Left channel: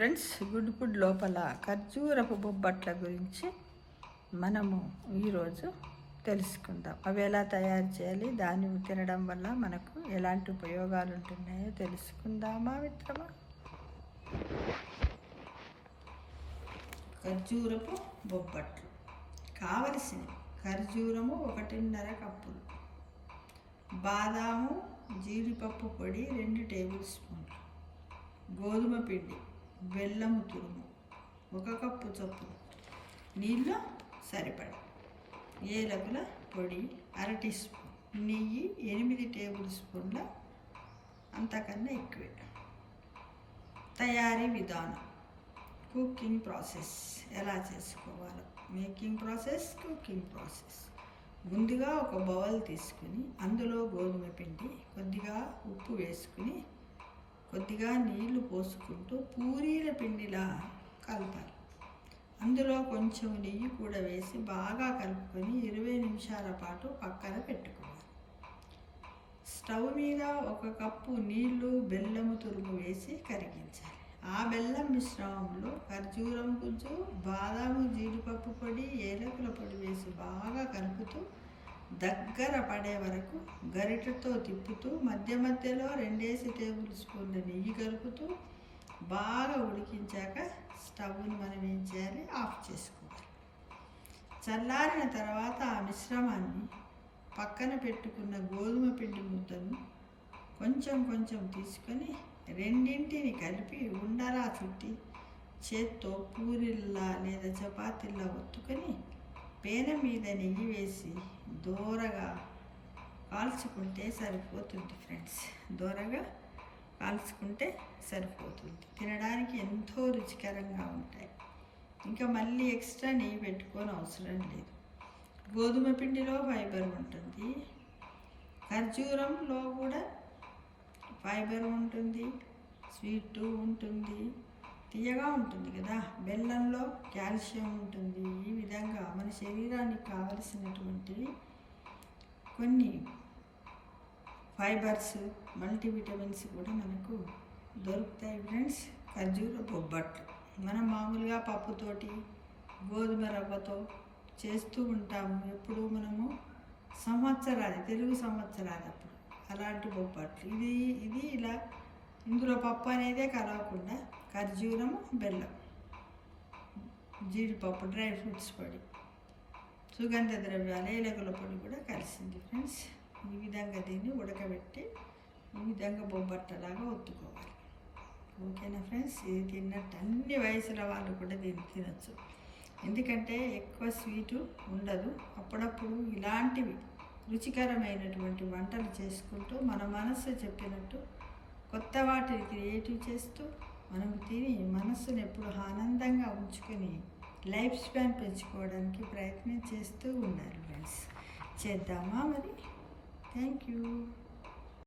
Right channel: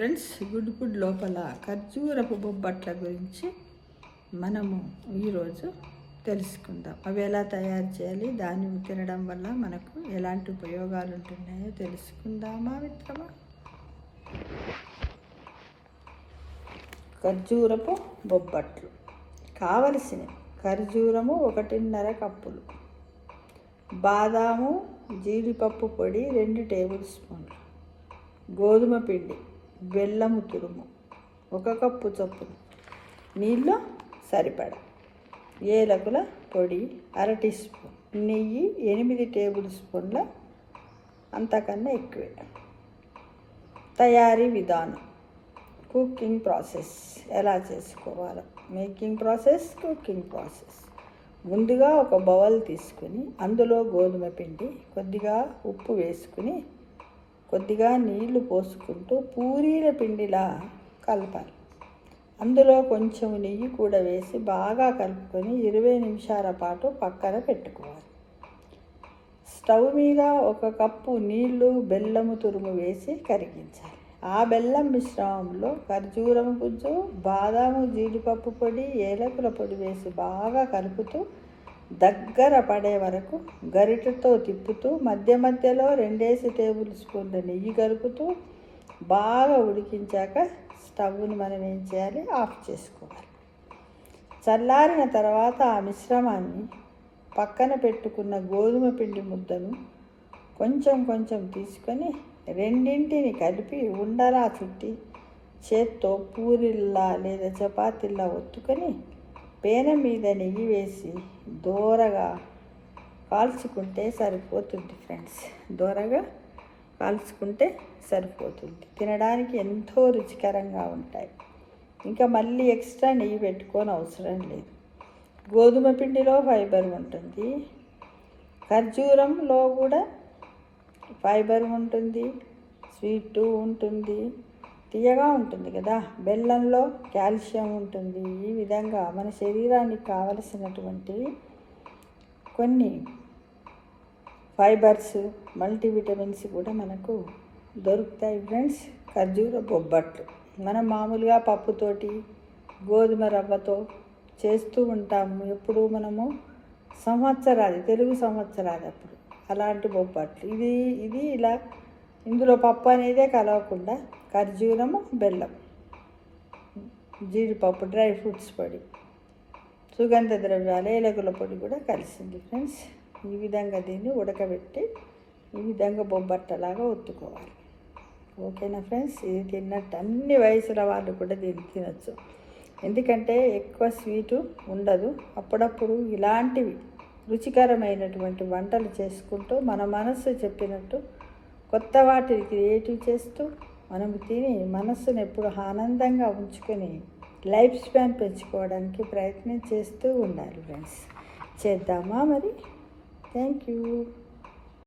Friends, good food లోపల ఖర్జూరపు బొబ్బట్ల గురించి మనము ఈరోజు తెలుసుకుందాం. అవి ఎలా తయారు చేయాలి, దాన్ని తినడం వల్ల మనకు ఎలాంటి ఉపయోగాలు ఉంటున్నాయో తెలుసుకుందామా మిత్రమా? ఖర్జూరపు బొబ్బట్లు కావలసినవి: ఖర్జూరము 1.5 కప్పులు, బాదాము జీడిపప్పు పొడి 2 టేబుల్ స్పూన్లు, గోధుమ పిండి, బెల్లము తురుము 1 కప్పు చొప్పున, నీళ్ళు సరిపడ, ఏలకుల పొడి 1/2 టీ స్పూన్, నెయ్యి 8 టేబుల్ స్పూన్ల, అంతకన్నా ఎక్కువే. తయారీ విధానం: కుకింగ్ ప్రాసెస్ ఎలా చేసుకోవాలో. Making process, cooking process. ముందుగా ఒక బౌల్ తీసుకుని అందులో గోధుమ పిండి, కొద్దిగా ఉప్పు వేసుకుని కొద్దిగా నీళ్లు పోసుకుంటూ పూరీల పిండిలా కలపాలి. అందులో కొంచెం నెయ్యి కూడా వేసి బాగా కలుపుకొని 20 నిమిషాల పాటు పక్కన పెట్టుకోవాలి. స్టవ్ మీద 1 కప్పు నీళ్లు, బెల్లము తురుము వేసి కరిగించాలి. ఆ బెల్లం మిశ్రమంలో ఖర్జూరం గుజ్జు, బాదాము జీడిపప్పు పొడి, ఏలకుల పొడి వేసి బాగా కలుపుతూ దగ్గర పడే వరకు గరిటెతో తిప్పుతూ మధ్య మధ్యలో 2 టేబుల్ స్పూన్ల నెయ్యి కలుపుతూ బాగా ఉడికించాక స్టవ్ని మనం ఏం చేయాలి, ఆఫ్ చేసుకోవాలి. చల్లారిన తర్వాత ఆ మిశ్రమాన్ని పక్కన పెట్టుకున్న గోధుమ పిండి ముద్దను కొంచెం కొంచెం తీసుకొని రెండింటిని కలిపి ఉండలా చుట్టి చేత్తో పూరిల్లా లేదా చపాతీల్లా ఒత్తుకొని పేన మీద నెయ్యి వేసి దోరగా కాల్చుకుంటే సరిపోతుంది ఫ్రెండ్స్. దోరగా కాల్చుకుంటే సరిపోతుంది. తినడానికి ఎంతో రుచికరంగా ఉంటాయి. ఇంకా మళ్ళీ ఎక్స్ట్రా నెయ్యి పెట్టుకొని అవసరం లేదు. గోధుమ పిండిలో ఫైబర్ ఉంటుంది, ఖర్జూరంలో కూడా ఫైబర్ ఉంటుంది, స్వీట్ ఉంటుంది, తీయగా ఉంటుంది కదా. బెల్లంలో కాల్షియం ఉంటుంది. ఈ విధంగా మన శరీరానికి కావలసినటువంటి కొన్ని ఫైబర్స్, మల్టీవిటమిన్స్ కూడా మనకు దొరుకుతాయి ఫ్రెండ్స్. ఖర్జూర బొబ్బట్లు మనం మామూలుగా పప్పుతోటి, గోధుమ రవ్వతో చేస్తూ ఉంటాము. ఎప్పుడు మనము తెలుగు సంవత్సరాది అప్పుడు అలాంటి బొబ్బట్లు. ఇది ఇలా ఇందులో పప్పు అనేదే కలవకుండా ఖర్జూరము, బెల్లం, జీడిపప్పు, డ్రై ఫ్రూట్స్ పొడి, సుగంధ ద్రవ్యాలు, ఏలకుల పొడి కూడా కలిసింది ఫ్రెండ్స్. ఈ విధంగా దీన్ని ఉడకబెట్టి ఈ విధంగా బొబ్బట్టలాగా ఒత్తుకోవాలి. ఓకేనా ఫ్రెండ్స్? ఇది తిన్నట్టు అన్ని వయసుల వాళ్ళు కూడా దీన్ని తినచ్చు. ఎందుకంటే ఎక్కువ స్వీటు ఉండదు. అప్పుడప్పుడు ఇలాంటివి రుచికరమైనటువంటి వంటలు చేసుకుంటూ మన మనసు చెప్పినట్టు కొత్త వాటిని క్రియేటివ్ చేస్తూ మనం తిని మనస్సును ఎప్పుడు ఆనందంగా ఉంచుకొని లైఫ్ స్పాన్ పెంచుకోవడానికి ప్రయత్నం చేస్తూ ఉండాలి ఫ్రెండ్స్. చేద్దామా మరి? Thank you.